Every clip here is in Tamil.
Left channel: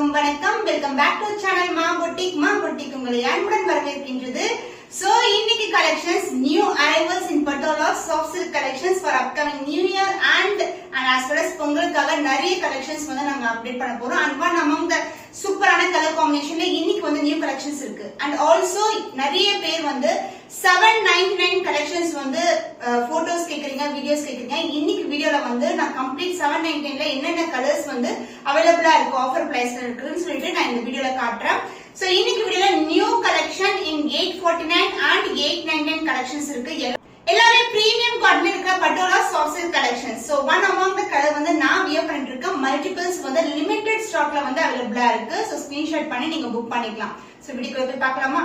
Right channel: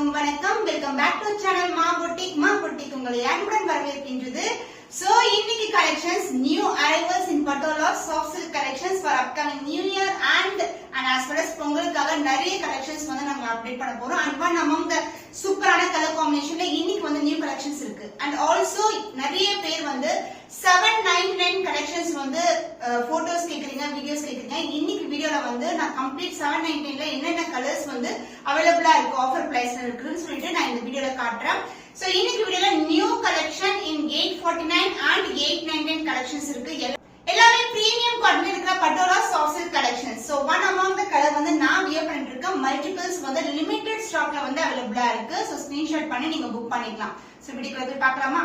அனைவருக்கும் வணக்கம். வெல்கம் பேக் டு சேனல் மா பொட்டிக் உங்களை அன்புடன் வரவேற்கின்றது. So இன்னைக்கு collections new arrivals in Patola soft silk collections for upcoming new year and as well as பொங்கலுக்காக நிறைய collections வந்து நம்ம அப்டேட் பண்ண போறோம். and one among the சூப்பரான கலர் காம்பினேஷன்ல இன்னைக்கு வந்து நியூ கலெக்ஷன்ஸ் இருக்கு. and also நிறைய பேர் வந்து 799 கலெக்ஷன்ஸ் வந்து போட்டோஸ் கேக்குறீங்க, வீடியோஸ் கேக்குறீங்க. இன்னைக்கு வீடியோல வந்து நான் கம்ப்ளீட் 799ல என்னென்ன கலர்ஸ் வந்து அவைலபிளா இருக்கு, ஆஃபர் பிரைஸ்ல இருக்குன்னு சொல்லிட்டு நான் இந்த வீடியோல காட்டுறேன். So இன்னைக்கு வீடியோல new collection in 849 and 899 collections இருக்கு. எல்லாமே பிரீமியம் காட்டன் இருக்க patola soft silk collections. So one among the colour வந்து நான் வியர் பண்ணிட்டு இருக்க மல்டிபிள்ஸ் வந்து லிமிடெட் ஸ்டாக்ல வந்து அவைலபிளா இருக்கு. So ஸ்கிரீன்ஷாட் பண்ணி நீங்க புக் பண்ணிக்கலாம். So வீடியோக்குள்ள போய் பார்க்கலாமா?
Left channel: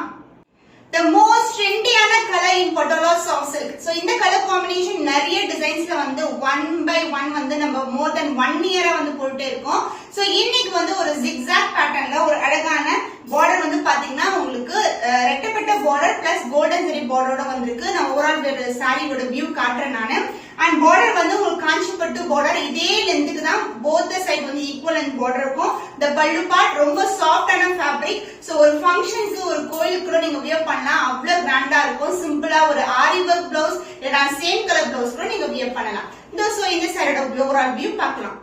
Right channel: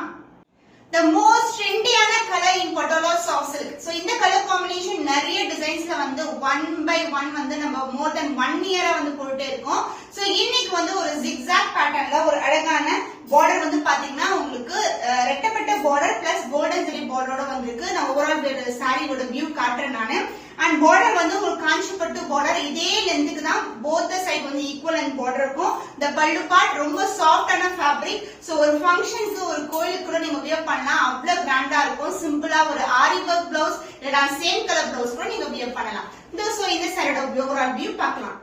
The most trendy-ஆன colour in Patola soft silk. So இந்த கலர் காம்பினேஷன் நிறைய டிசைன்ஸ்ல வந்து 1 by 1 வந்து நம்ம more than 1 year வந்து போட்டுட்டே இருக்கோம். So இன்னைக்கு வந்து ஒரு zigzag patternல ஒரு அழகான border வந்து பாத்தீங்கன்னா உங்களுக்கு ரெட்டப்பட்ட border plus golden zari borderோட வந்திருக்கு. நான் ஓவரால் சாரியோட வியூ காட்டுறேன் நானு. and border வந்து உங்களுக்கு காஞ்சிபட்டு border இதே லெந்த்க்கு தான் both the side வந்து equal and border இருக்கும். the pallu part ரொம்ப சாஃப்ட்டான fabric. so ஒரு ஃபங்க்ஷனுக்கு ஒரு கோயிலுக்கு கூட நீங்க வியர் பண்ணலாம். அவ்வளவு கிராண்டா இருக்கும். சிம்பிளா ஒரு ஆரி வர்க் ப்ளவுஸ் இல்லனா சேம் கலர் ப்ளவுஸ் கூட நீங்க வியர் பண்ணலாம். சோ இந்த சாரியோட ஓவரால் வியூ பார்க்கலாம்.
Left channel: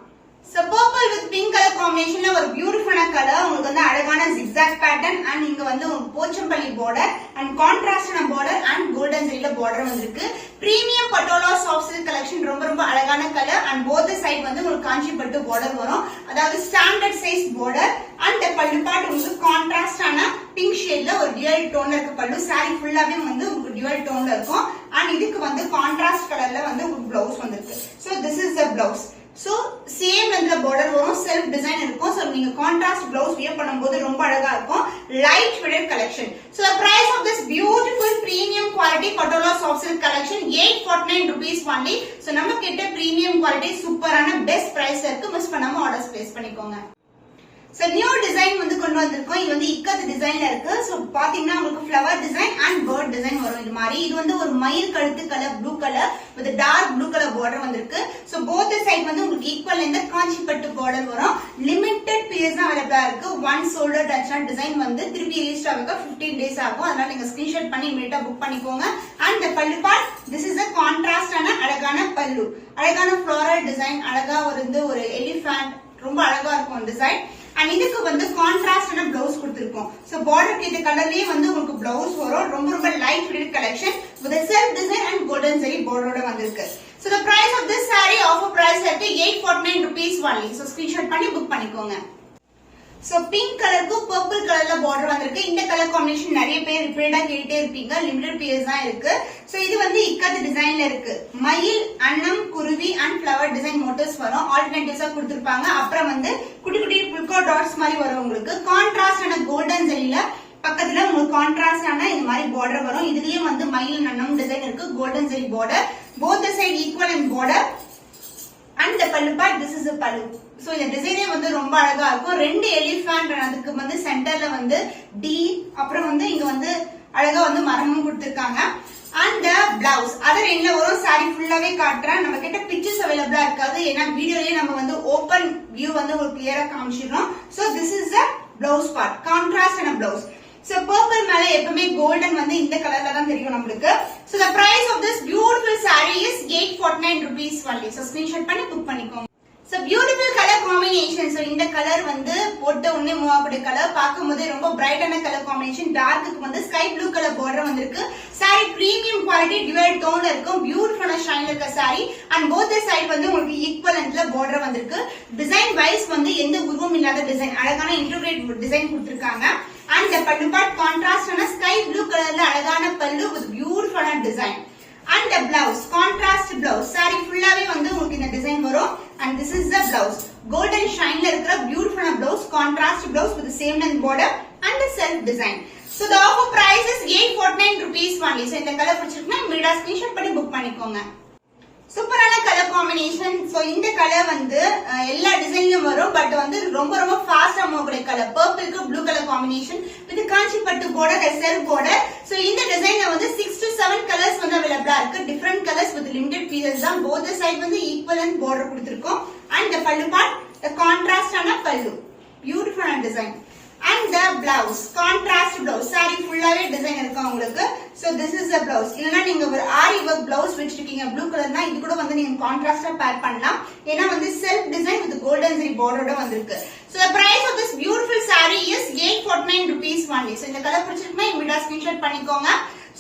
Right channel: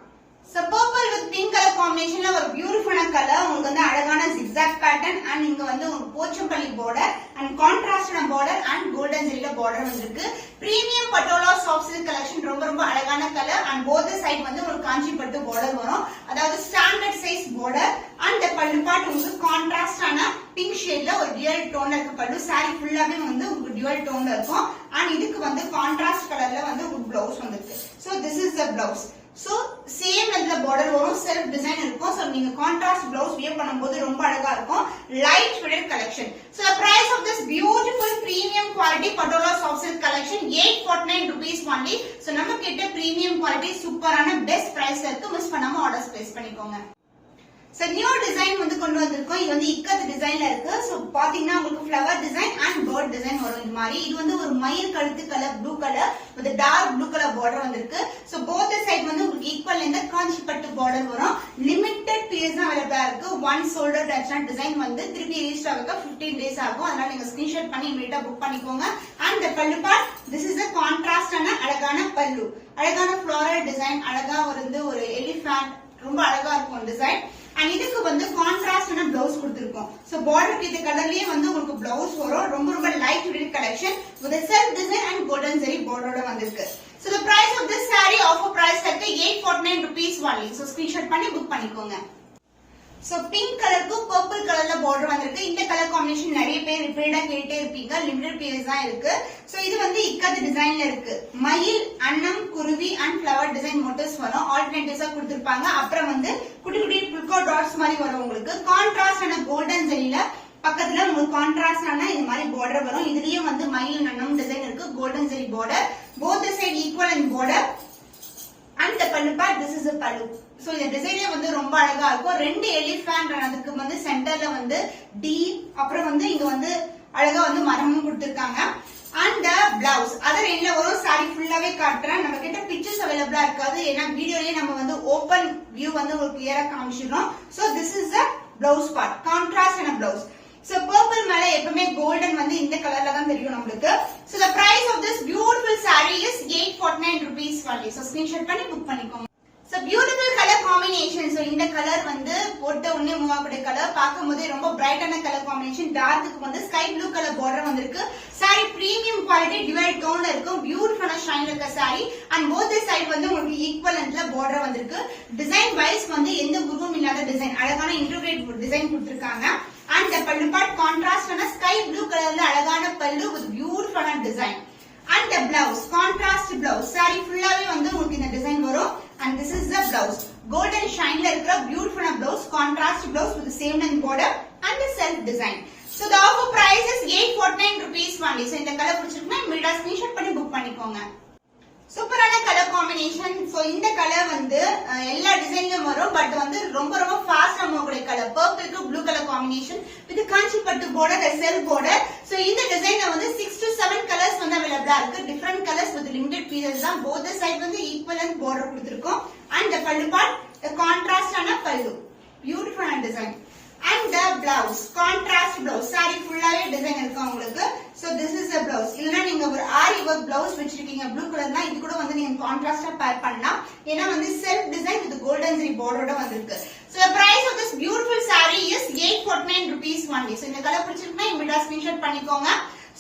So purple with pink color combinationல ஒரு பியூட்டிஃபுல்லான கலர். உங்களுக்கு வந்து அழகான zigzag pattern and இங்க வந்து ஒரு Pochampalli border and contrastன border and golden zariல border வந்திருக்கு. Premium patola soft silk collection. ரொம்ப அழகான colour and both the side வந்து ஒரு காஞ்சிபட்டு border வரும். அதாவது standard size border and the பல்லு பார்ட் உங்களுக்கு கான்ட்ராஸ்டான பிங்க் ஷேட்ல ஒரு டியூவல் டோன்ல இருக்க பல்லு. saree ஃபுல்லாவே வந்து உங்களுக்கு டியூவல் டோன்ல இருக்கும். and இதுக்கு வந்து கான்ட்ராஸ்ட் கலர்ல வந்து ஒரு ப்ளவுஸ் வந்திருக்கு. so this is the blouse. So same lengthல border வரும், self design இருக்கும். so நீங்க contrast blouse wear பண்ணும்போது ரொம்ப அழகா இருக்கும். light weighted collection. so the price of this beautiful premium quality Patola soft silk collection 849 rupees only. so நம்ம கிட்ட premium quality சூப்பரான best price இருக்கு. மிஸ் பண்ணாம ஆர்டர்ஸ் பிளேஸ் பண்ணிக்கோங்க. So new design வந்து கொண்டு வந்திருக்கோம். இது வந்து இக்கத் டிசைன்ல இருக்கு. சோ பாத்தீங்கன்னா உங்களுக்கு flower design and bird design வரும். இது மாதிரி இது வந்து ஒரு மயில் கழுத்து colour blue colour with dark blue color border வந்திருக்கு. சோ both the side வந்து உங்களுக்கு ஈக்குவல் இந்த காஞ்சிபட்டு border வரும். லிமிட்டட் பீஸ் தான் அவைலபிளா இருக்கு. ஒன் shoulder touch டிசைன் வந்து திருப்பி ரீஸ்ட் ஆக 15 days ஆகும். அதனால நீங்க ஸ்கிரீன்ஷாட் பண்ணி இமிடியேட்டா புக் பண்ணிக்கோங்க. and the pallu part this is a contrast ஆன அழகான பல்லு. அழகான floral design அழகா வந்து ஒரு எலிஃபண்ட் ரொம்ப அழகா இருக்கும் அந்த சைடு. and இதுக்கு வந்து கான்ட்ராஸ்டான ப்ளவுஸ் கொடுத்திருக்கோம். சோ பார்டருக்கு இந்த கலர்லயே வந்து உங்களுக்கு ப்ளவுஸ் வரும். ரொம்ப light weight collection with a self design and golden zari borderோட வந்திருக்கு. so the price of this saree offer price at 849 rupees only. so screenshot பண்ணி புக் பண்ணிக்கோங்க. சோ பிங்க் கலருக்கு பர்பிள் கலர்ல border வந்திருக்கு. இந்த கலர் காம்பினேஷன் நிறைய பேர் ரிப்பீட்டடா கேட்டே இருப்பீங்க. லிமிடெட் பீஸ் தான் இருக்கு. சோ இது வந்து இக்கத் டிசைன்ல இருக்கு. மயில், அன்னம், குருவி and flower design மோட்டிவ்ஸ் வரும். ஆல்டர்னேட்டிவ்ஸா கொடுத்திருப்பாங்க. அப்புறம் வந்து குட்டி குட்டி புல்கா டாட்ஸ் மாதிரி வரும். உங்களுக்கு கான்ட்ராஸ்டான கோல்டன் ஜரியில பக்கத்துல உங்களுக்கு கான்ட்ராஸ்டான இந்த மாதிரி border வரும். இதுலயே வந்து மயில் அன்னம் டிசைன் இருக்கு. Golden zari border both the side equal and border and the pallu part this is the pallu. So இந்த டிசைனே வந்து ரொம்ப அழகா இருக்கும். ரெண்டு எலிஃபண்ட் அதுக்கு வந்து சென்டர்ல வந்து டி அப்புறம் வந்து இங்க வந்து அழகா வந்து மரமும் கொடுத்திருக்காங்க. and the blouse அதர் எண்ட்ல வரும். saree ஃபுல்லாவே காட்டுறேன். நம்ம கிட்ட பிக்சர்ஸ் அவைலபிளா இருக்காது. ஏன்னா வீடியோலயே நம்ம வந்து ஓபன் வியூ வந்து உங்களுக்கு கிளியரா காமிச்சிரோம். So this is the blouse part contrast and a blouse. So purple மேல எப்பவுமே golden வந்து இந்த கலர்ல தான் தெரியும் நமக்கு. So the price of this beautiful saree is 849 rupees only. So screenshot பண்ணி புக் பண்ணிக்கோங்க. So beautiful color combination. So இந்த கலர் வந்து போட்ட உடனே மூவ் ஆகக்கூடிய கலர். பார்க்கும்போது ரொம்ப பிரைட்டான கலர் காம்பினேஷன். டார்க்குக்கு வந்து ஸ்கை ப்ளூ கலர் border வந்திருக்கு. saree பிரீமியம் குவாலிட்டி டியூவல் டோன்ல இருக்கும். பியூட்டிஃபுல்லான ஷைன் இருக்க saree and both the side வந்து உங்களுக்கு ஈக்குவல் லெந்த்ல border வந்திருக்கு. டிசைன் வைஸ் வந்து எந்த உருவம் இல்லாத டிசைன் அழகான இன்டர்கிரேட் டிசைன் கொடுத்திருக்காங்க. and the pallu part contrast ஆன ஸ்கை ப்ளூ கலர்ல அழகான pallu with beautiful design. and the blouse contrast blouse. saree ஃபுல்லாவே வந்து உங்களுக்கு இந்த டிசைன் வரும். and this is the blouse golden shineல இருக்கிற beautiful blouse contrast blouse with the same length border and the self design. so the offer price is 849 rupees only. so இந்த கலர் பிடிச்சிருக்குன்னா இமிடியேட்டா ஸ்கிரீன்ஷாட் பண்ணி புக் பண்ணிக்கோங்க. சூப்பரான கலர் காம்பினேஷன். சோ இந்த கலர் வந்து எல்லா டிசைன்லயும் வரும். பட் வந்து ரொம்ப ஃபாஸ்டா மூவக்கூடிய கலர். பர்பிள்க்கு ப்ளூ கலர் காம்பினேஷன் வித் காஞ்சிபட்டு border செல்ஃப் border. சோ இந்த டிசைன்ல வந்து 6 to 7 கலர்ஸ் வந்து அவைலபிளா இருக்கு. Different colours with limited pieces தான். both the side வந்து ஈக்குவல் border கொடுத்திருக்கோம். and the pallu part the contrast ஆன பல்லு. பியூட்டிஃபுல்லான design. And the blouse, contrast blouse, saree full-ஆவே டிசைன் இருக்கும் உங்களுக்கு. So this is the blouse. இல்லனா நீங்க ஒரு ஆரி வர்க் blouse வச்சிருக்கீங்க ப்ளூ கலர்னா இது கூட வந்து நீங்க கான்ட்ராஸ்டா பேர் பண்ணலாம். ஏனா வந்து self design with golden zari border வந்திருக்கு. So the price of this beautiful saree is 849 rupees only. So இந்த கலர் பிடிச்சிருந்தா இமிடியா ஸ்கிரீன்ஷாட் பண்ணிக்கோங்க.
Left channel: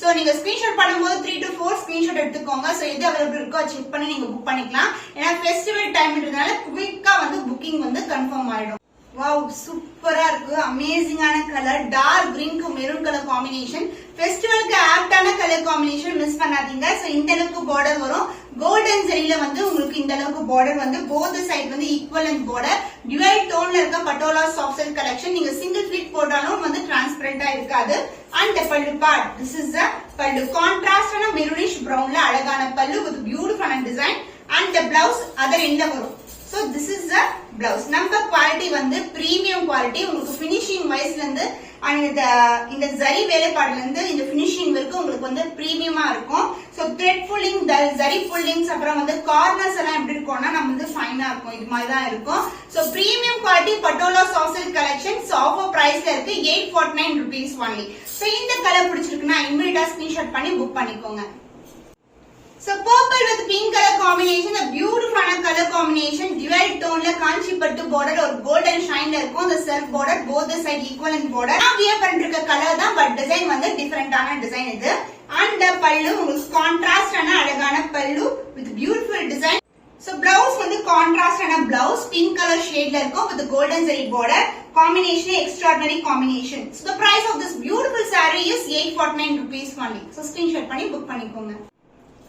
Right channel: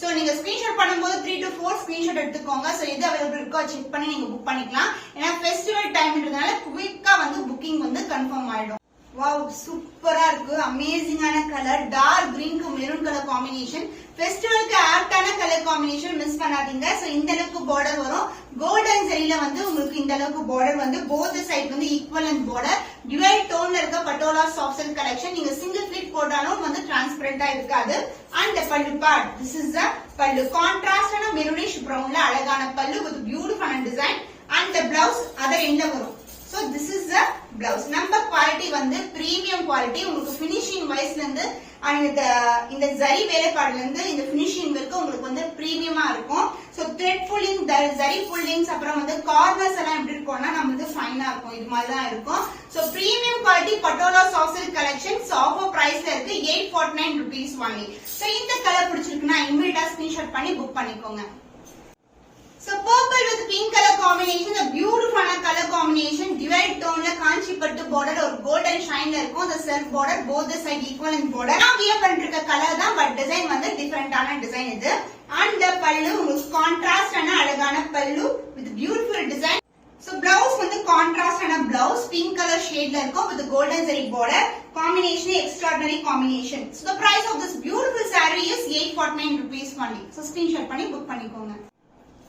So நீங்க ஸ்கிரீன்ஷாட் பண்ணும்போது 3 to 4 ஸ்கிரீன்ஷாட் எடுத்துக்கோங்க. So எது அவைலபிள் இருக்கோ செக் பண்ணி நீங்க புக் பண்ணிக்கலாம். ஏனா ஃபெஸ்டிவல் டைம்ன்றதால குயிக்கா வந்து புக்கிங் வந்து கன்ஃபார்ம் ஆயிடும். Wow, சூப்பரா இருக்கு. அமேசிங்கான கலர், டார்க் கிரீன் க்கு மெரூன் கலர் காம்பினேஷன். ஃபெஸ்டிவலுக்கு ஆப்டான கலர் காம்பினேஷன் மிஸ் பண்ணாதீங்க. சோ இந்த அளவுக்கு border வரும். கோல்டன் ஜரியில வந்து உங்களுக்கு இந்த அளவுக்கு border வந்து both side வந்து ஈக்குவலன்ட் border. டுவல் டோன்ல இருக்க பட்டோலா சாஃப்ட் சில்க் கலெக்ஷன். நீங்க சிங்கிள் ஃபிளிட் போட்டாலும் வந்து டிரான்ஸ்பரண்டா இருக்காது. And the pallu part, this is the pallu. கான்ட்ராஸ்டான மெரூனிஷ் பிரவுன்ல அழகான pallu with beautiful design. And the blouse other எண்ட்ல வரும். So this is the blouse. Number quality வந்து premium quality. உங்களுக்கு finishing wise இருந்து and இந்த zari வேலைப்பாடுல இருந்து இந்த finishing வரைக்கும் உங்களுக்கு வந்து பிரீமியமா இருக்கும். So thread pulling, zari pullings அப்புறம் வந்து corners எல்லாம் எப்படி இருக்கும்னா நமக்கு ஃபைனா இருக்கும். இது மாதிரி தான் இருக்கும். So premium quality patola soft silk collection offer பிரைஸ்ல இருக்கு 849 rupees only. So இந்த கலர் பிடிச்சிருக்குன்னா இமிடியேட்டா ஸ்கிரீன்ஷாட் பண்ணி புக் பண்ணிக்கோங்க. So purple with pink color combination, a beautiful color combination, dual tone la kanchi pattu border or golden shine la irukum. The self border both the side equal in border. Now wear பண்ணிருக்க color தான் but design வந்து different ஆன design இது. And the pallu உங்களுக்கு contrast ஆன அழகான pallu with beautiful design. So blouse வந்து contrast ஆன blouse pink color shade la இருக்கும் with golden zari border. Combination extraordinary combination. So the price of this beautiful saree is 849 rupees only. So screenshot பண்ணி book பண்ணிக்கோங்க.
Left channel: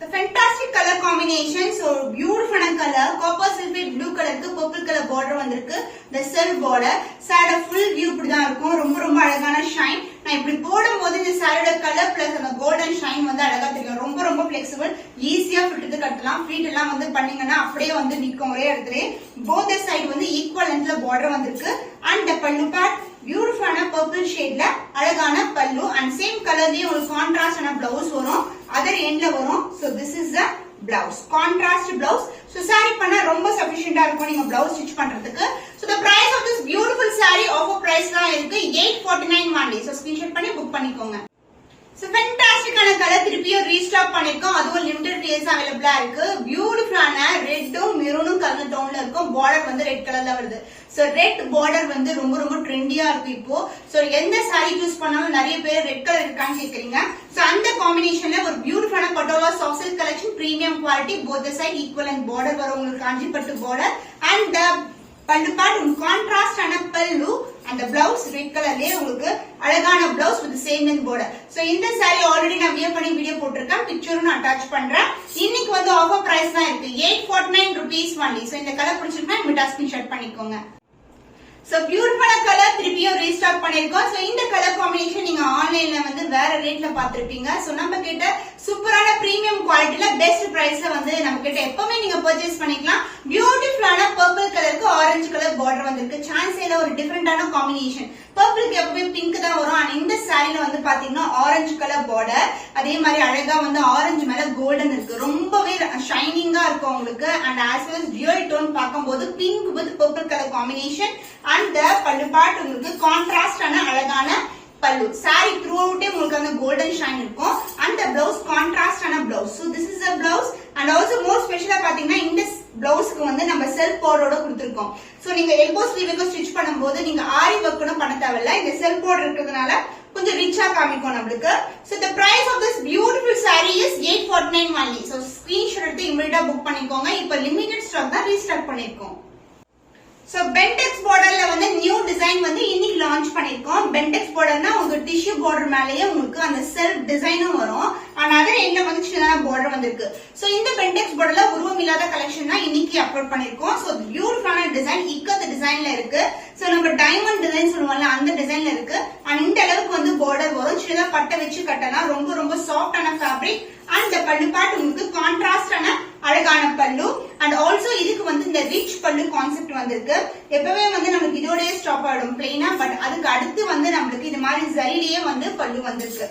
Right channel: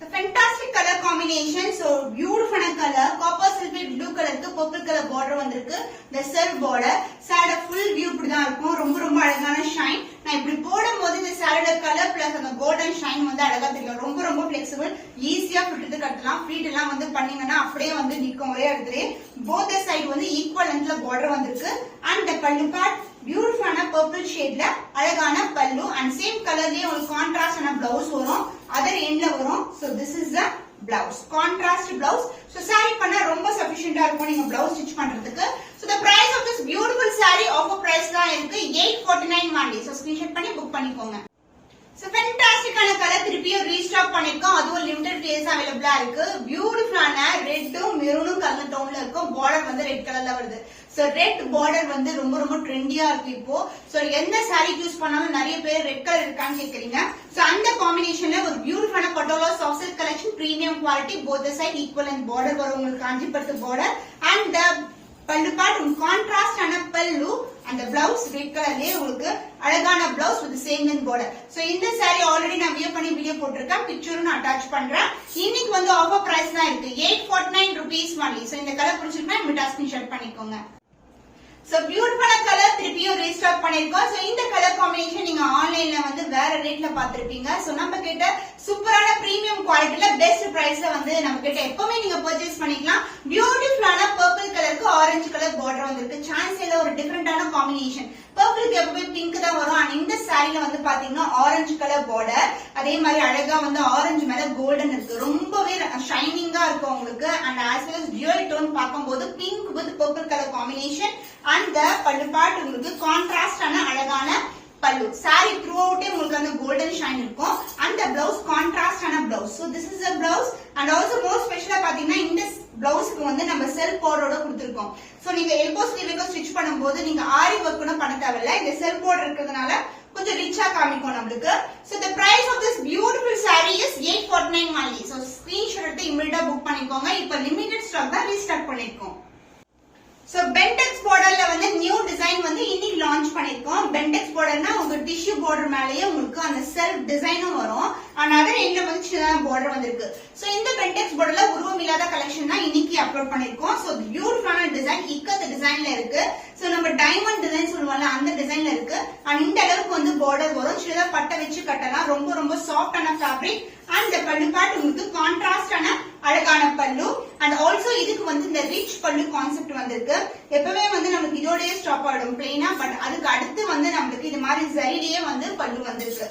The fantastic color combination, so beautiful color, copper sulphate blue color க்கு purple color border வந்திருக்கு. The self border, saree full view இப்படி தான் இருக்கும். ரொம்ப ரொம்ப அழகான shine. நான் இப்படி போடும்போது இந்த saree color plus அந்த golden shine வந்து அழகா தெரியும். ரொம்ப ரொம்ப flexible, ஈஸியா fit எடுத்து கட்டலாம். ஃப்ளீட் எல்லாம் வந்து பண்ணீங்கன்னா அப்படியே வந்து நிக்கும் ஒரே இடத்துலயே. Both the side வந்து equal lengthல border வந்திருக்கு. And the pallu part beautiful ஆன purple shade ல அழகான pallu and same colorலயே ஒரு contrast ஆன blouse வரும். அதர் எண்ட்ல வரும். So this is the blouse, contrast blouse. So saree பண்ண ரொம்ப சஃபிஷியன்ட்டா இருக்கும் நீங்க blouse ஸ்டிட்ச் பண்றதுக்கு. So the price of this beautiful saree offer price தான் இருக்கு 849 only. So screenshot பண்ணி book பண்ணிக்கோங்க. So fantastic ஆன கலர் திருப்பியும் ரீஸ்டாக் பண்ணிருக்கோம். அதுவும் லிமிடெட் டேஸ் அவைலபிளா இருக்கு. பியூட்டிஃபுல்லான ரெட்டும் மெரூனும் கலந்த டோன்ல இருக்கும். பார்டர் வந்து ரெட் கலர்ல வருது. So ரெட் பார்டர் வந்து ரொம்ப ரொம்ப ட்ரெண்டியா இருக்கு இப்போ. So எந்த saree யூஸ் பண்ணாலும் நிறைய பேர் ரெட் கலர் இருக்கான்னு கேக்குறீங்க. So அந்த காம்பினேஷன்ல ஒரு பியூட்டிஃபுல்லான patola soft silk collection premium quality both the side equal and border வரும் உங்களுக்கு காஞ்சிபட்டு border and the pallu part contrast ஆன pallu and the blouse red கலர்லயே உங்களுக்கு அழகான blouse with same length border. So இந்த saree already நான் வியர் பண்ணி வீடியோ போட்டுருக்கேன். பிக்சரும் நான் அட்டாச் பண்றேன். இன்னைக்கு வந்து ஆஃபர் பிரைஸ் தான் இருக்கு 849 rupees only. So இந்த கலர் பிடிச்சிருந்தா இமிடியா ஸ்கிரீன்ஷாட் பண்ணிக்கோங்க. So beautiful color திருப்பியும் ரீஸ்டாக் பண்ணிருக்கோம். So இந்த கலர் காம்பினேஷன் நீங்க ஆன்லைன்ல வந்து வேற ரேட்ல பாத்திருப்பீங்க. So நம்ம கிட்ட சூப்பரான பிரீமியம் குவாலிட்டில பெஸ்ட் பிரைஸ்ல வந்து நம்ம கிட்ட எப்பவுமே நீங்க பர்ச்சேஸ் பண்ணிக்கலாம். பியூட்டிஃபுல்லான பர்பிள் கலருக்கு ஆரஞ்சு கலர் பார்டர் வந்திருக்கு. சான்ஸேல ஒரு டிஃபரெண்டான காம்பினேஷன். பர்பிளுக்கு எப்பவுமே பிங்க் தான் வரும். ஆனா இந்த சாரில வந்து பாத்தீங்கன்னா ஆரஞ்சு கலர் பார்டர். அதே மாதிரி அழகா வந்து ஆரஞ்சு மேல கோல்டன் இருக்கு. ரொம்பவே ஷைனிங்கா இருக்கும் உங்களுக்கு. And as well dual tone பார்க்கும்போது pink with purple colour combination. அந்த பல்லு பார்ட் உங்களுக்கு கான்ட்ராஸ்ட் ஆன அழகான பல்லு. saree throughout உங்களுக்கு அந்த கோல்டன் ஷைன் இருக்கும். அந்த blouse கான்ட்ராஸ்ட் ஆன blouse. So this is a blouse and also more ஸ்பெஷலா பாத்தீங்கன்னா இந்த பிளவுஸ்க்கு வந்து நம்ம செல்ஃப் பார்டரோட கொடுத்திருக்கோம். சோ நீங்க எல்போ ஸ்லீவுக்கு ஸ்டிட்ச் பண்ணும்போது நீங்க ஆரி வர்க் கூட பண்ண தேவையில்ல. இந்த செல்ஃப் பார்டர் இருக்கிறதுனால கொஞ்சம் ரிச்சா காமிக்கும் நமக்கு. So the price of this beautiful saree is 849 only. So screenshot எடுத்து இமிடியா புக் பண்ணிக்கோங்க. இப்ப லிமிடெட் ஸ்டாக் தான் ரீஸ்டாக் பண்ணிருக்கோம். So Bentex borderல வந்து நியூ டிசைன் வந்து இன்னைக்கு லான்ச் பண்ணிருக்கோம். Bentex borderனா உங்க டிஷ்யூ border மேலயே உங்களுக்கு அந்த செல்ஃப் டிசைனும் வரும். ஆனா அதே எங்க வந்து சின்னதா border வந்திருக்கு. So இந்த Bentex borderல உருவம் இல்லாத கலெக்ஷன் தான் இன்னைக்கு அப்லோட் பண்ணிருக்கோம். So பியூட்டிஃபுல்லான டிசைன் இக்கத்த டிசைன்ல இருக்கு. So நம்ம டைமண்ட் டிசைன் சொல்லுவாங்கல அந்த டிசைன்ல இருக்கு. அண்ட் இந்த அளவுக்கு வந்து border வரும். சின்னதா பட்டை வச்சு கட்டலாம். ரொம்ப ரொம்ப சாஃப்டான ஃபேப்ரிக். அண்ட் பல்லு பார்ட் உங்களுக்கு கான்ட்ராஸ்டான அழகான பல்லு. அண்ட் ஆல்சோ இதுக்கு வந்து இந்த ரிச் பல்லு கான்செப்ட் வந்திருக்கு. எப்பவே வந்து நமக்கு இதோடய ஸ்டாப் ஆயிடும் பிளெயினா. பட் அதுக்கு அடுத்து வந்து நம்மளுக்கு இது மாதிரி ஜரிலேயே வந்து பல்லு வந்திருக்கு.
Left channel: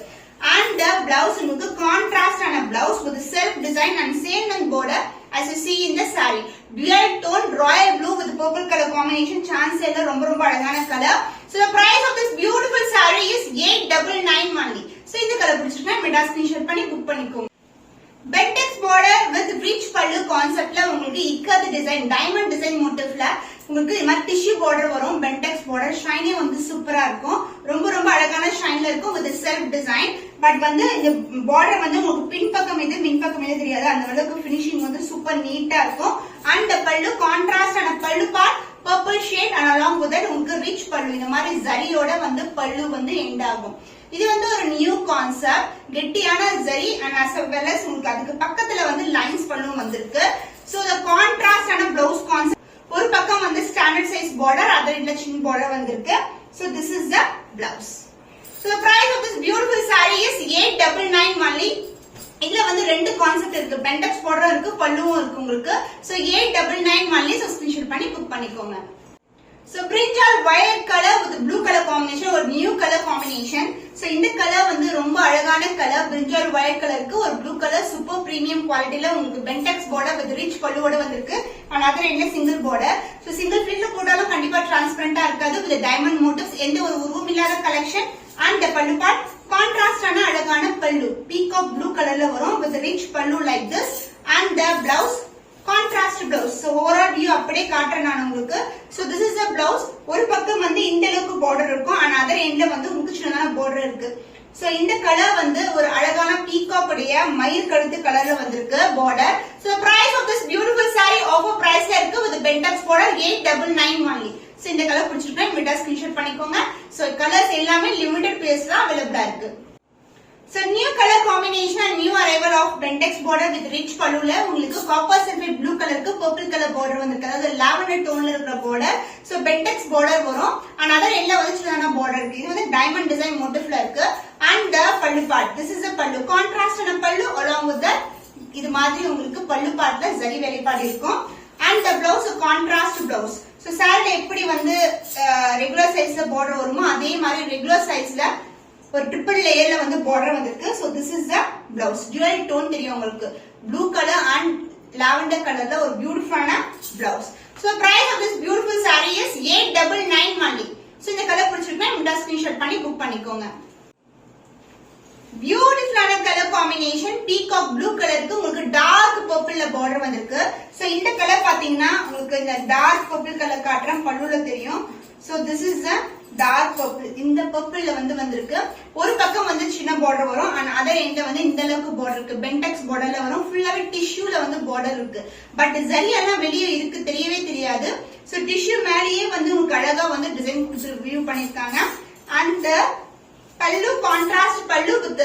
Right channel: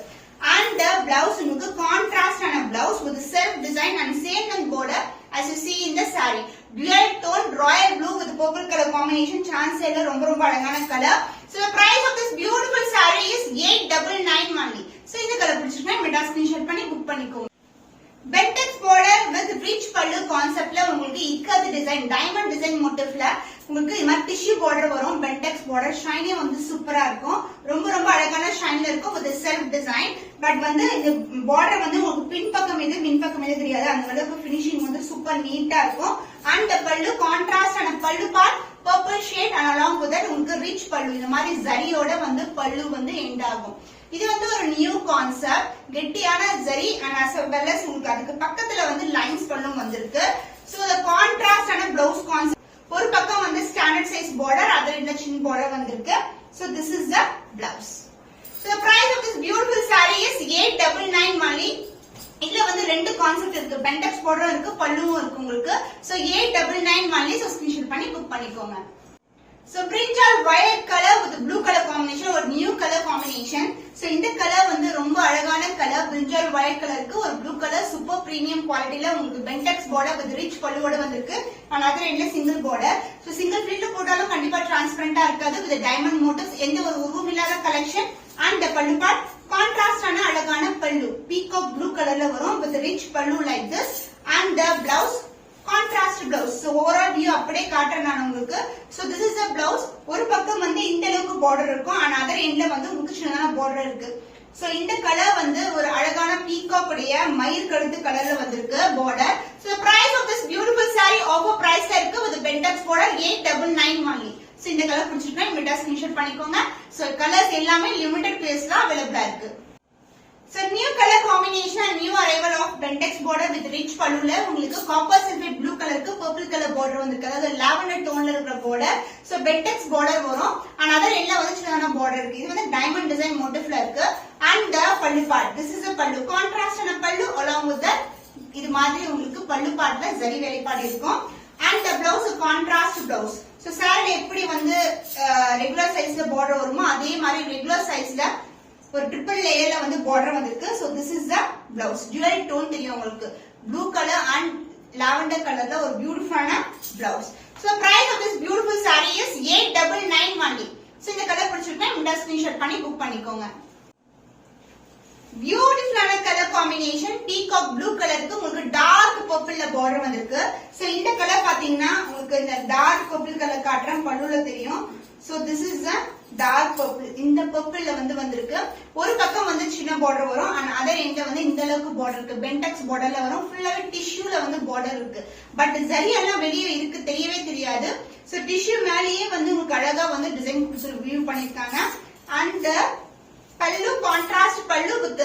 அண்ட் பிளவுஸ் உங்களுக்கு கான்ட்ராஸ்டான blouse with self design and same length border as you see in the saree. Dual tone royal blue with purple color combination. Chance இல்ல ரொம்ப ரொம்ப அழகான color. So the price of this beautiful saree is 899 only. So இந்த கலர் பிடிச்சிருந்தா மெடா ஸ்கிரீன்ஷாட் பண்ணி புக் பண்ணிக்கோங்க. Bentex border with rich pallu conceptல உங்களுக்கு இக்காது டிசைன் டைமண்ட் டிசைன் மோட்டிவ்ல உங்களுக்கு இந்த மாதிரி டிஷ்யூ border வரும். Bentex border ஷைனி வந்து சூப்பரா இருக்கும். ரொம்ப ரொம்ப அழகான ஷைன்ல இருக்கும் with self design. பட் வந்து இந்த border வந்து உங்களுக்கு பின்பக்கம் இது பின்பக்கம் இது தெரியாது. அந்த அளவுக்கு ஃபினிஷிங் வந்து சூப்பர் நீட்டா இருக்கும். And the pallu contrast and pallu part purple shade and along with that உங்களுக்கு rich pallu இந்த மாதிரி ஜரியோட வந்து pallu வந்து எண்ட் ஆகும். இது வந்து ஒரு நியூ கான்செப்ட் கெட்டியான zari and as well as உங்களுக்கு அதுக்கு பக்கத்துல வந்து லைன்ஸ் பல்லும் வந்திருக்கு. So the contrast and blouse concept ஒரு பக்கம் வந்து ஸ்டாண்டர்ட் சைஸ் border அதர் இல்ல சின்ன border வந்திருக்கு. So this is the blouse. So the price of this beautiful saree is 899 only. இதுல வந்து ரெண்டு கான்செப்ட் இருக்கு. Bentex border இருக்கு பல்லுவும் இருக்கு உங்களுக்கு. So 899 only. So ஸ்கிரீன்ஷாட் பண்ணி புக் பண்ணிக்கோங்க. So brinjal violet color with blue color combination ஒரு new color combination. So இந்த கலர் வந்து ரொம்ப அழகான கலர் brinjal violet கலருக்கு ஒரு blue color super premium குவாலிட்டில உங்களுக்கு Bentex border with rich பல்லுவோட வந்திருக்கு. and other என்ன single border. So single flip போட்டாலும் கண்டிப்பா டிரான்ஸ்பரண்டா இருக்காது with diamond motifs எந்த ஒரு உருவம் இல்லாத collection. and the pallu part contrast ஆன அழகான பல்லு peacock blue கலர்ல வரும் with rich pallu like this. and the blouse contrast blouse. So overall view அப்படியே காட்றேன் நான் உங்களுக்கு. So this is the blouse. ஒரு பக்கம் வந்து இந்த அளவுக்கு border இருக்கும் and other endல வந்து உங்களுக்கு சின்னதான border இருக்கு. So இந்த கலர் வந்து ஒரு அழகான peacock உடைய மயில் கழுத்து கலர்ல வந்திருக்கு border. So the price of this beautiful saree offer priceல இருக்கு with Bentex border 899 only. So இந்த கலர் பிடிச்சிருக்கா இமிடியேட்டா ஸ்கிரீன்ஷாட் பண்ணிக்கோங்க. So கலர்ஸ் எல்லாமே லிமிட்டட் பீஸ்ல அவேலபிளா இருக்கு. So new color combination and new arrival of Bentex border with rich palluல உங்களுக்கு copper sulphate blue கலருக்கு purple color border வந்திருக்கு. அதாவது lavender toneல இருக்கிற border. So Bentex border வரும். and other எல்லாம் வந்து சின்னதான border இருக்கு. இது வந்து diamond design motifல இருக்கு. and the pallu part. This is a pallu. contrast ஆன pallu along with the இது மாதிரி உங்களுக்கு pallu partல ஜரி வேலைப்பாடு இருக்கும். and the blouse contrast blouse. So saree எப்படி வந்து regular sizeல border வருமோ அதே மாதிரி regular sizeல ஒரு ட்ரிபிள் லேயர்ல வந்து border வந்திருக்கு. So this is the blouse. dual tone தெரியும் உங்களுக்கு. blue color and lavender colorல ஒரு பியூட்டிஃபுல்லான blouse. So the price of this beautiful saree is 899 only. So இந்த கலர் பிடிச்சிருக்கா இந்த ஸ்கிரீன்ஷாட் பண்ணி புக் பண்ணிக்கோங்க. பியூட்டிஃபுல்லான கலர் காம்பினேஷன் peacock blue கலருக்கு உங்களுக்கு டார்க் பர்பிள்ல border வந்திருக்கு. So இந்த கலர் பாத்தீங்கன்னா உங்களுக்கு இந்த டார்க் பர்பிள் கலர் காட்றேன் பல்லுல தெரியும். So this is the dark purple. இந்த purple வந்து வந்திருக்கு. ஒரு பக்கம் வந்து சின்ன border வரும் and other end வந்து இந்த அளவுக்கு border இருக்கு. Bentex borderல வரும். ஃபுல்லாவே டிஷ்யூல வந்து border இருக்கு. பட் ஜரி எல்லாம் வெளியே இருக்கு தெரியவே தெரியாது. So டிஷ்யூ மேலேயே வந்து உங்களுக்கு அழகா வந்து டிசைன் வியூ பண்ணிருக்காங்க. and பல்லு contrast பல்லு with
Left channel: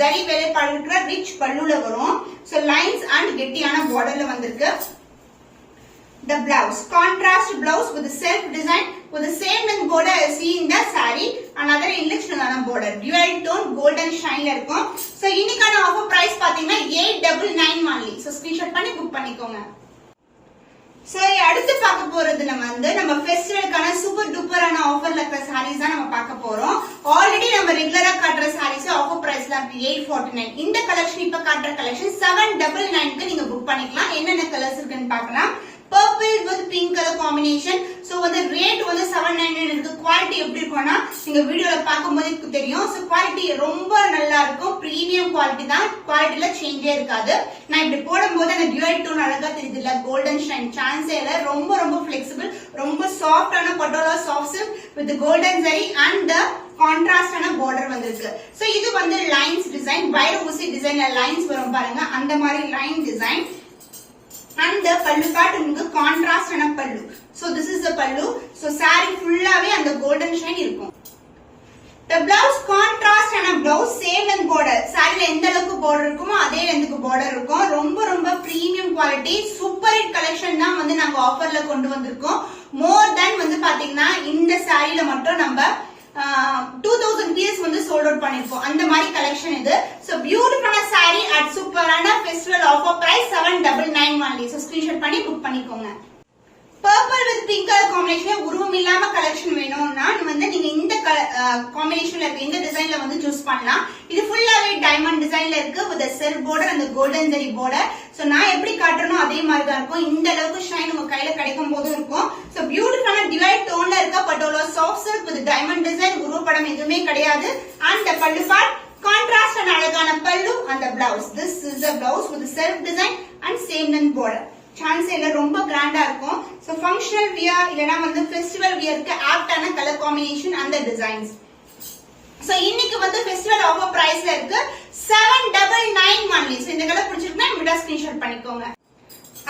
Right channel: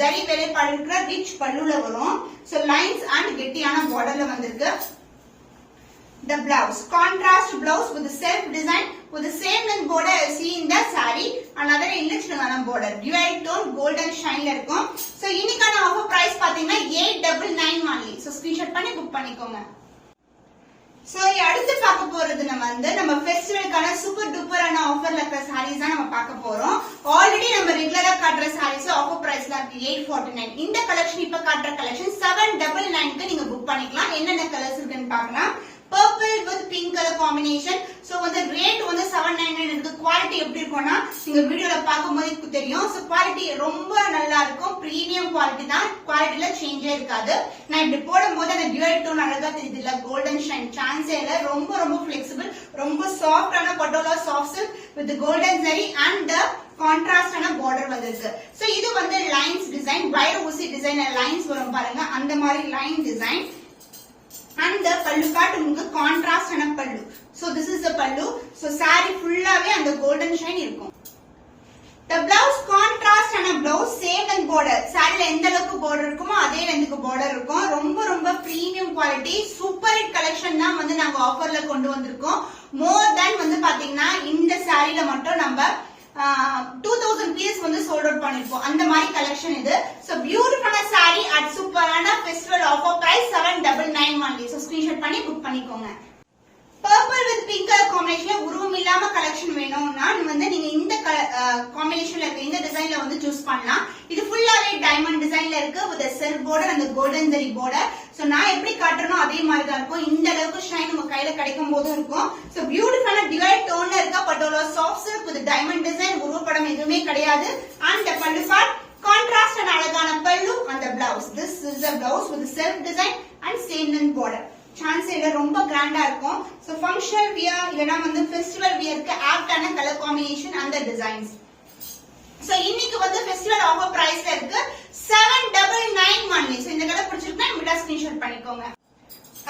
ஜரி வேலைப்பாடு இருக்கிற rich பல்லுல வரும். So lines and கெட்டியான borderல வந்திருக்கு. The blouse contrast blouse with self design with the same length border as see in the saree. another illustrated border dual tone golden shine ல இருக்கும். So இன்னைக்கான ஆஃபர் பிரைஸ் பாத்தீங்கன்னா 899 only. So ஸ்கிரீன்ஷாட் பண்ணி புக் பண்ணிக்கோங்க. So அடுத்து பார்க்க போறது நம்ம ஃபெஸ்டிவலுக்கான சூப்பர் டூப்பரான ஆஃபர்ல இருக்கிற sarees தான் நம்ம பார்க்க போறோம். ஆல்ரெடி நம்ம ரெகுலரா காட்டுற sarees ஆஃபர் பிரைஸ்ல இருக்கு 849. இந்த கலெக்ஷன் இப்ப காட்டுற கலெக்ஷன் 799 க்கு நீங்க புக் பண்ணிக்கலாம். என்னென்ன கலர்ஸ் இருக்குன்னு பார்க்கலாம். purple with pink color combination. So வந்து ரேட் வந்து 799 இருக்கு. குவாலிட்டி எப்படி இருக்கும்னா நீங்க வீடியோல பாக்கும்போது தெரியும். So குவாலிட்டி ரொம்ப நல்லா இருக்கும். பிரீமியம் குவாலிட்டி தான். குவாலிட்டில சேஞ்சே இருக்காது. நான் இப்படி போடும்போது அந்த dual tone அழகா தெரியுது இல்ல golden shine chance இல்ல ரொம்ப ரொம்ப flexible ரொம்ப சாஃப்ட்டான patola soft silk with the golden zari and the contrast ஆன border வந்திருக்கு. So இது வந்து லைன்ஸ் டிசைன் வயர் ஊசி டிசைன்ல லைன்ஸ் வரும் பாருங்க அந்த மாதிரி line design. and the pallu part உங்களுக்கு contrast ஆன pallu. So this is the pallu. So saree ஃபுல்லாவே அந்த golden shine இருக்கும். The blouse contrast ஆன blouse same length border. சாரில எந்த அளவுக்கு border இருக்குமோ அதே லெந்த்க்கு border இருக்கும். ரொம்ப ரொம்ப premium quality super hit collection தான் வந்து நாங்க ஆஃபர்ல கொண்டு வந்திருக்கோம். மோர் தென் வந்து பாத்தீங்கன்னா இந்த சாரில மட்டும் நம்ம 2000 பீஸ் வந்து சோல்ட் அவுட் பண்ணிருப்போம். அந்த மாதிரி கலெக்ஷன் இது. சோ பியூட்டிஃபுல்லான saree at சூப்பரான festival offer price 799 only. So screenshot பண்ணி புக் பண்ணிக்கோங்க. Purple with pink colour combination உருவம் இல்லாம கலெக்ஷன் வேணும்னா வந்து நீங்க இந்த காம்பினேஷன்ல இருக்க இந்த டிசைன்ல வந்து சூஸ் பண்ணலாம். இது ஃபுல்லாவே டைமண்ட் டிசைன்ல இருக்கு with a silk border and the golden zari border. So நான் எப்படி காட்டுறனோ அதே மாதிரி தான் இருக்கும். இந்த அளவுக்கு ஷைன் உங்க கையில கிடைக்கும் போதும் இருக்கும். சோ பியூட்டிஃபுல்லான டிவைட் டோன்ல இருக்க patola soft silk with diamond design, உருவப்படம் எதுவுமே கிடையாது. அண்ட் பல்லு பார்ட் கான்ட்ராஸ்ட் அண்ட் அழகான பல்லு அந்த blouse. This is a blouse with self design and same length border. Chance இல்ல, ரொம்ப கிராண்டா இருக்கும். சோ ஃபங்க்ஷனல் வியர் இல்லனா வந்து ஃபெஸ்டிவல் வியருக்கு ஆப்டான கலர் காம்பினேஷன் அந்த டிசைன்ஸ். சோ இன்னைக்கு வந்து ஃபெஸ்டிவல் ஆஃபர் பிரைஸ்ல இருக்கு 799 only. சோ இந்த கலர் பிடிச்சிருந்தா இமிடியேட்டா ஸ்கிரீன்ஷாட் பண்ணிக்கோங்க.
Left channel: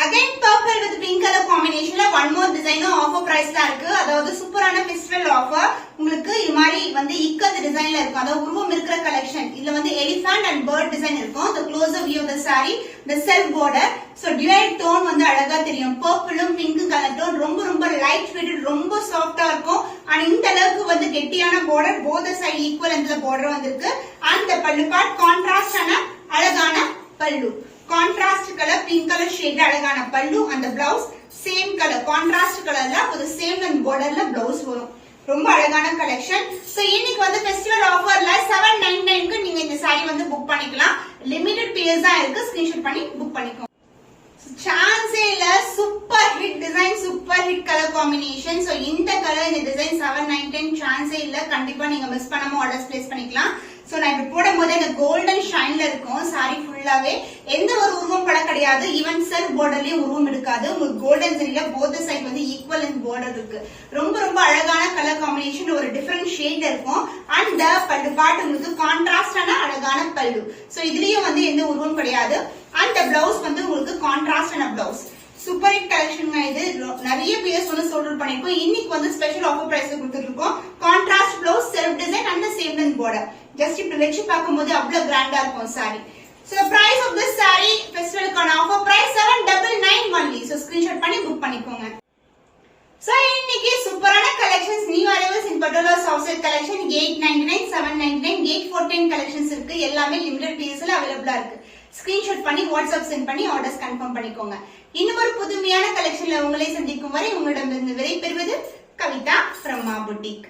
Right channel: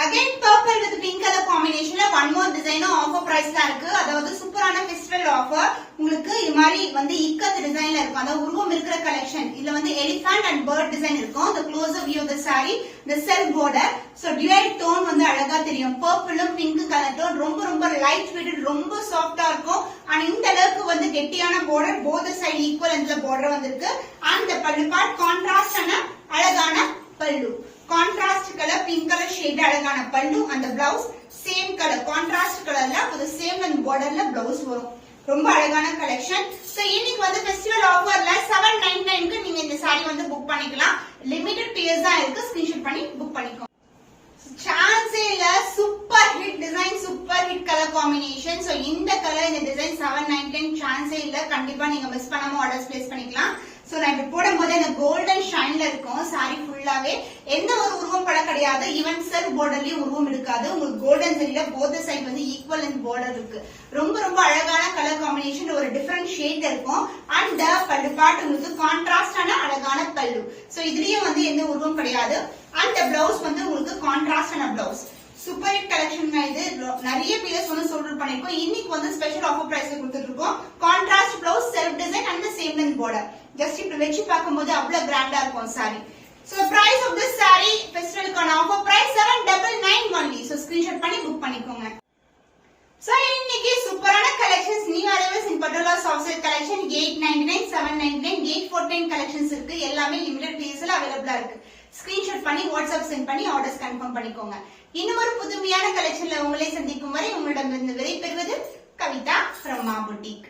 Again purple with pink color combinationல one more design offer பிரைஸ்ல இருக்கு. அதாவது சூப்பரான ஃபெஸ்டிவல் ஆஃபர். உங்களுக்கு இது மாதிரி வந்து இக்கத் டிசைன்ல இருக்கும். அதாவது உருவம் இருக்கிற கலெக்ஷன். இதுல வந்து எலிஃபண்ட் அண்ட் பேர்ட் டிசைன் இருக்கும். The closer view of the saree, the self border. So dual tone வந்து அழகா தெரியும். பர்பிளும் பிங்க் கலர் டோன் ரொம்ப ரொம்ப லைட் வெயிட், ரொம்ப சாஃப்ட்டா இருக்கும். அண்ட் இந்த அளவுக்கு வந்து கெட்டியான border, both side equal இந்த border வந்திருக்கு. And the பல்லு பார்ட் கான்ட்ராஸ்ட் ஆன அழகான பல்லு. Contrast colour pink colour shade அழகான பல்லு அந்த பிளவுஸ் சேம் கலர் கான்ட்ராஸ்ட் கலர்ல ஒரு சேம் அண்ட் பார்டர்ல பிளவுஸ் வரும். ரொம்ப அழகான கலெக்ஷன். சோ இன்னைக்கு வந்து ஃபெஸ்டிவல் ஆஃபர்ல 799 க்கு நீங்க இந்த saree வந்து புக் பண்ணிக்கலாம். லிமிடெட் பீஸ் தான் இருக்கு. ஸ்கிரீன்ஷாட் பண்ணி புக் பண்ணிக்கோங்க. சான்ஸே இல்ல, super hit design, super hit colour combination. So இந்த கலர் இந்த டிசைன் 799 சான்ஸே இல்ல. கண்டிப்பா நீங்க மிஸ் பண்ணாம ஆர்டர்ஸ் பிளேஸ் பண்ணிக்கலாம். சோ நான் இப்ப போடும்போது இந்த கோல்டன் ஷைன்ல இருக்கும் சாரி ஃபுல்லாவே. எந்த ஒரு உருவம் பட கிடையாது. ஈவன் செல்ஃப் பார்டர்லயும் உருவம் இருக்காது. உங்களுக்கு கோல்டன் சரியில போத் சைட் வந்து ஈக்குவல் அண்ட் பார்டர் இருக்கு. ரொம்ப ரொம்ப அழகான கலர் காம்பினேஷன், ஒரு டிஃபரெண்ட் ஷேட் இருக்கும். அண்ட் பல்லு பார்ட் உங்களுக்கு கான்ட்ராஸ்டான அழகான பல்லு. சோ இதுலயும் வந்து எந்த உருவம் கிடையாது. அண்ட் பிளவுஸ் வந்து உங்களுக்கு கான்ட்ராஸ்டான பிளவுஸ். சூப்பர் ஹிட் கலெக்ஷன் இது. நிறைய பீஸ் வந்து சோல்ட் பண்ணிருக்கோம். இன்னைக்கு வந்து ஸ்பெஷல் ஆஃபர் பிரைஸ் கொடுத்துருக்கோம். Contrast blouse, self design and same length border. Just இப்ப வெச்சு பார்க்கும்போது அவ்வளவு கிராண்டா இருக்கும் sari. So price of this saree festivalக்கான offer price 799 only. So screenshot பண்ணி புக் பண்ணிக்கோங்க. So இன்னைக்கு சூப்பரான collections new arrivals in patola soft silk collection 899, 799, 8410 collections இருக்கு. எல்லாமே லிமிடெட் பீஸ்ல அவேலபிளா இருக்கு. ஸ்கிரீன்ஷாட் பண்ணி வாட்ஸ்அப் சென்ட் பண்ணி ஆர்டர்ஸ் கன்ஃபார்ம் பண்ணிக்கோங்க. இன்னும் ஒரு புதுமையான கலெக்ஷன்ல உங்களை சந்திக்கும் வரை உங்களிடமிருந்து விடை பெறுவது கவிதா from Ma Boutique.